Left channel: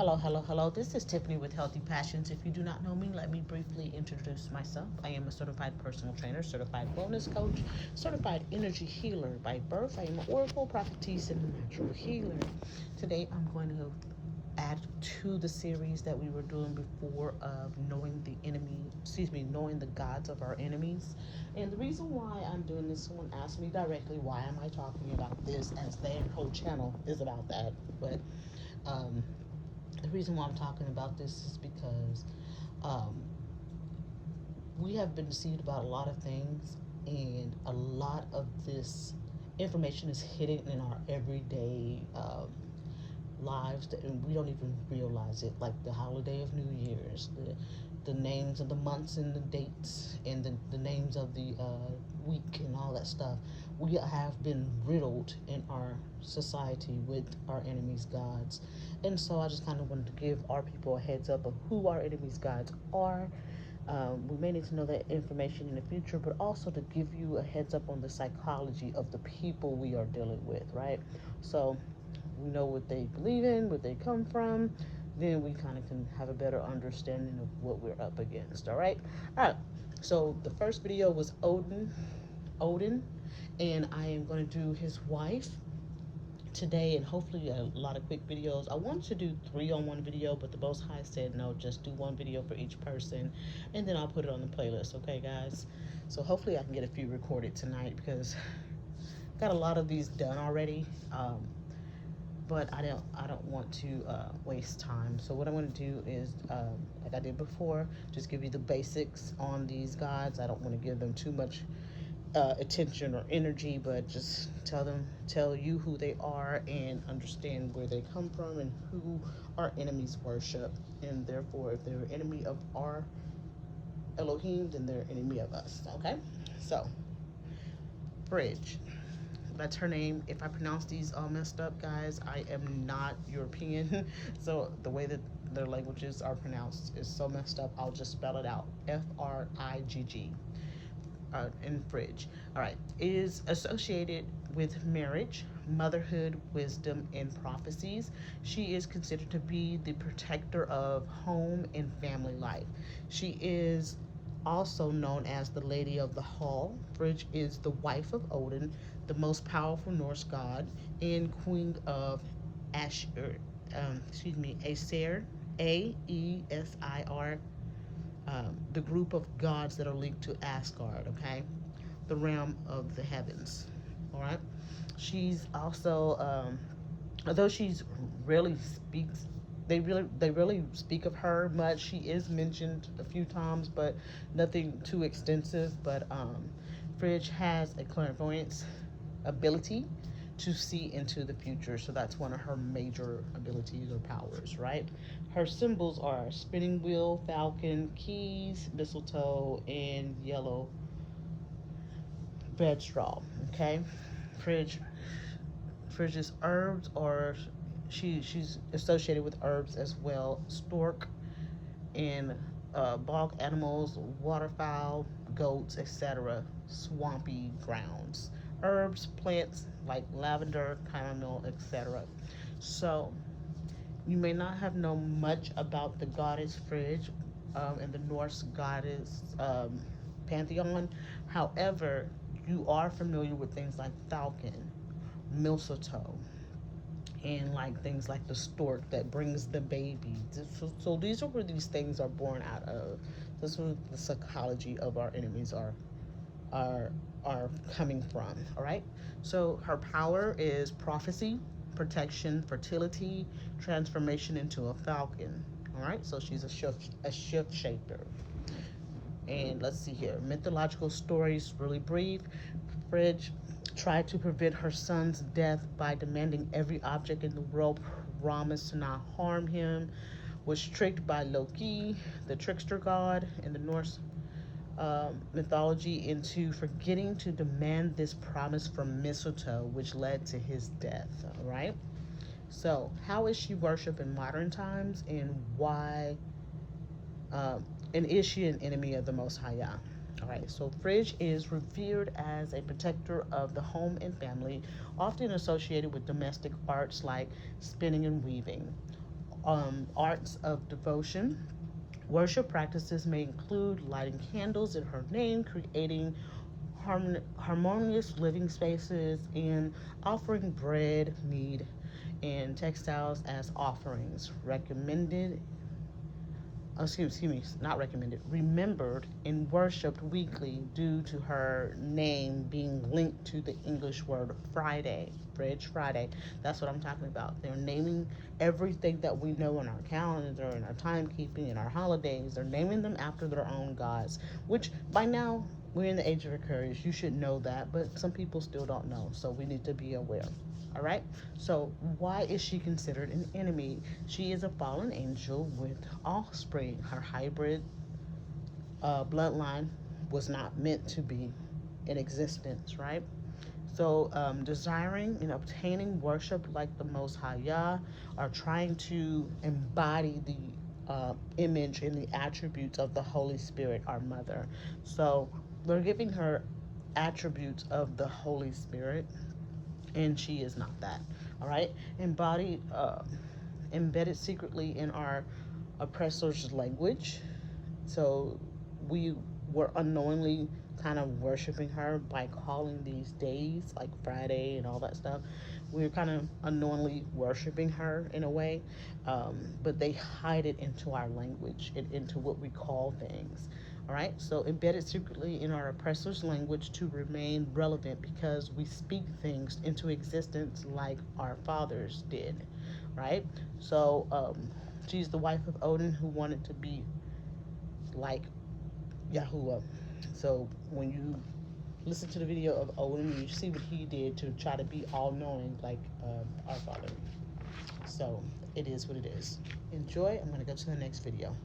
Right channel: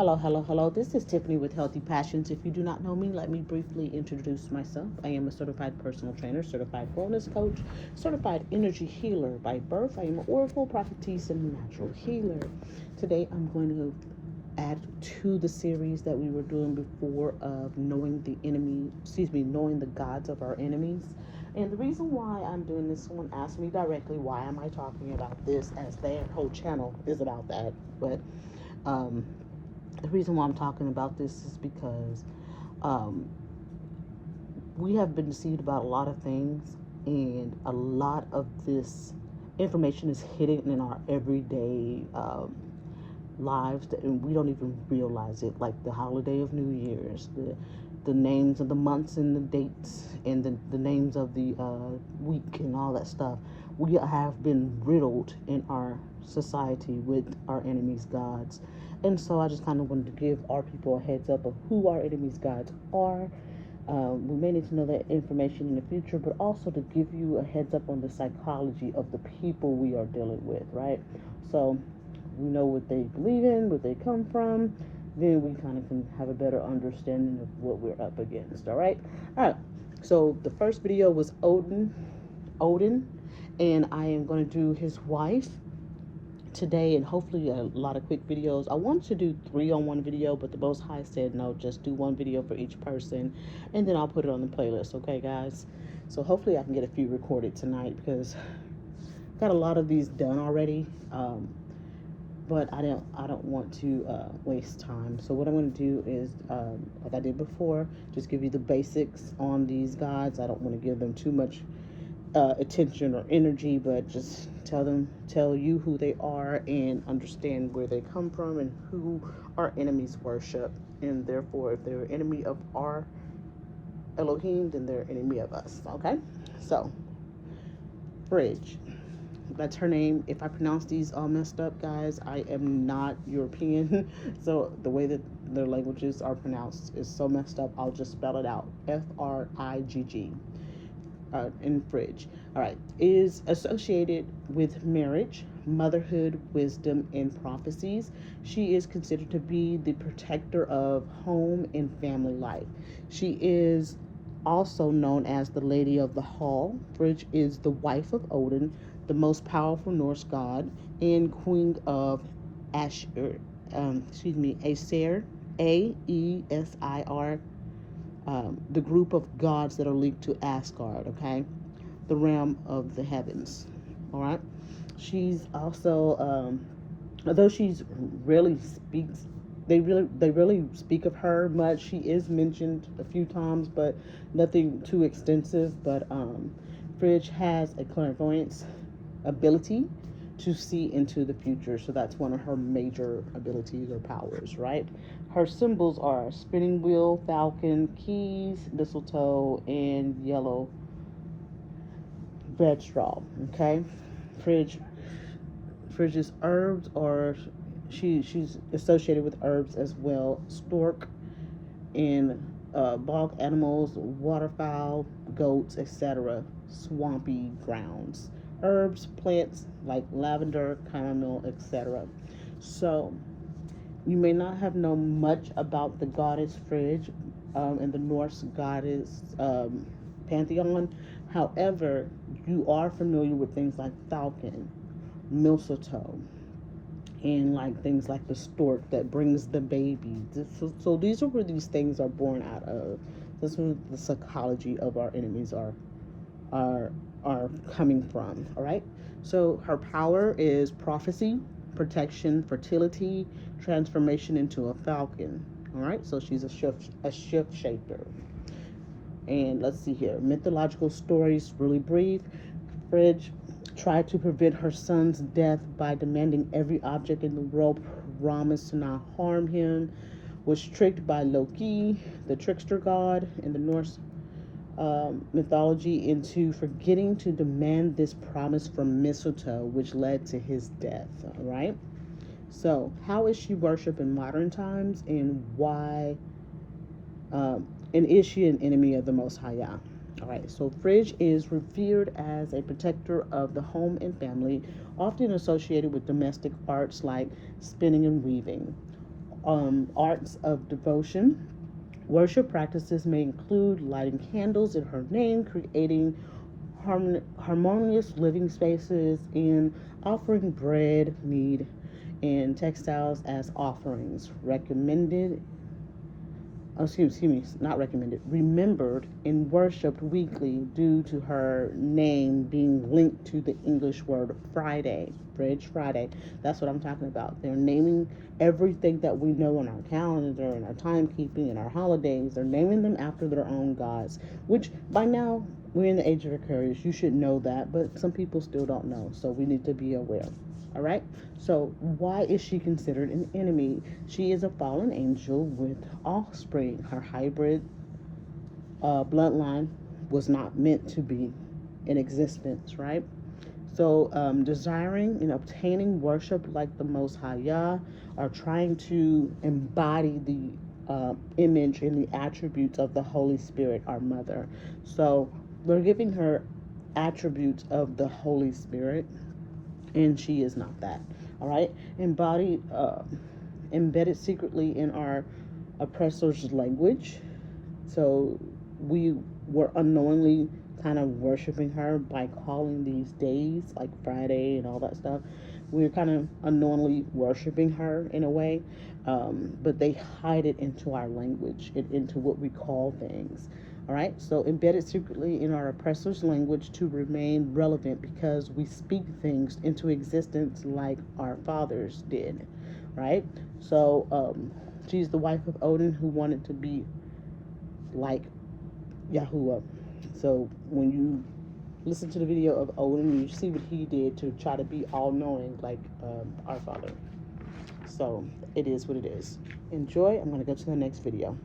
Hello, hello, hello. This is Tiffany with Healthy Passions. If you do not know me, let me briefly introduce myself. I am a certified personal trainer, certified wellness coach, certified energy healer by birth. I am an oracle, prophetess, and natural healer. Today, I'm going to add to the series that we were doing before of knowing the gods of our enemies. And the reason why I'm doing this, someone asked me directly, why am I talking about this, as their whole channel is about that. But um, the reason why I'm talking about this is because um, we have been deceived about a lot of things, and a lot of this information is hidden in our everyday lives, and we don't even realize it. Like the holiday of New Year's, the names of the months and the dates, and the names of the week and all that stuff. We have been riddled in our society with our enemies' gods. And so I just kind of wanted to give our people a heads up of who our enemies' gods are. We may need to know that information in the future, but also to give you a heads up on the psychology of the people we are dealing with, right? So we know what they believe in, where they come from, then we kind of can have a better understanding of what we're up against. All right. So the first video was Odin, and I am going to do his wife today, and hopefully a lot of quick videos. I wanted to do 3 on one video, but the Most High said no, just do 1 video for each person, and then I'll put it on the playlist. Okay, guys. So hopefully I can get a few recorded tonight, because I got a lot of these done already. But I don't want to waste time. So what I'm going to do is, like I did before, just give you the basics on these gods. I don't want to give them too much attention or energy, but just tell you who they are, and understand where they come from and who our enemies worship. And therefore, if they're an enemy of our Elohim, then they're an enemy of us. Okay? So, Frigg. That's her name. If I pronounce these all messed up, guys, I am not European. So the way that their languages are pronounced is so messed up, I'll just spell it out. Frigg. In Frigg. All right. Is associated with marriage, motherhood, wisdom, and prophecies. She is considered to be the protector of home and family life. She is also known as the Lady of the Hall. Frigg is the wife of Odin, the most powerful Norse god, and queen of Aesir, Aesir, Aesir, the group of gods that are linked to Asgard, okay? The realm of the heavens, all right? She's also, although she's rarely speaks, they really speak of her much. She is mentioned a few times, but nothing too extensive. But Frigg has a clairvoyance ability to see into the future, so that's one of her major abilities or powers, right? Her symbols are spinning wheel, falcon, keys, mistletoe, and yellow bedstraw. Okay, Frigg Frigg's herbs are, she's associated with herbs as well. Stork and bog animals, waterfowl, goats, etc. Swampy grounds. Herbs, plants like lavender, chamomile, etc. So you may not have known much about the goddess Frigg and the Norse goddess pantheon. However, you are familiar with things like falcon, mistletoe, and like things like the stork that brings the baby. So these are where these things are born out of. This is where the psychology of our enemies are coming from. All right. So her power is prophecy, protection, fertility, transformation into a falcon. All right. So she's a shift shaper. And let's see here. Mythological stories, really brief. Frigg tried to prevent her son's death by demanding every object in the world promised to not harm him. Was tricked by Loki, the trickster god in the Norse mythology, into forgetting to demand this promise from mistletoe, which led to his death. All right. So, how is she worshipped in modern times, and why? And is she an enemy of the Most High Yah? All right, so Frigg is revered as a protector of the home and family, often associated with domestic arts like spinning and weaving. Arts of devotion. Worship practices may include lighting candles in her name, creating harmonious living spaces, and offering bread, meat, and textiles as offerings. Not recommended, remembered and worshipped weekly due to her name being linked to the English word Friday, Bridge Friday. That's what I'm talking about. They're naming everything that we know in our calendar, in our timekeeping, in our holidays. They're naming them after their own gods, which by now we're in the age of Aquarius. You should know that, but some people still don't know, so we need to be aware. All right, so why is she considered an enemy? She is a fallen angel with offspring. Her hybrid bloodline was not meant to be in existence, right? So desiring and obtaining worship like the Most High Yah, are trying to embody the image and the attributes of the Holy Spirit, our mother. So we're giving her attributes of the Holy Spirit, and she is not that. All right, embedded secretly in our oppressor's language. So we were unknowingly kind of worshiping her by calling these days like Friday and all that stuff. We were kind of unknowingly worshiping her in a way, but they hide it into our language, into what we call things. All right, so embedded secretly in our oppressor's language to remain relevant because we speak things into existence like our fathers did, right? So she's the wife of Odin who wanted to be like Yahuwah. So when you listen to the video of Odin, you see what he did to try to be all-knowing like our father. So it is what it is. Enjoy. I'm going to go to the next video.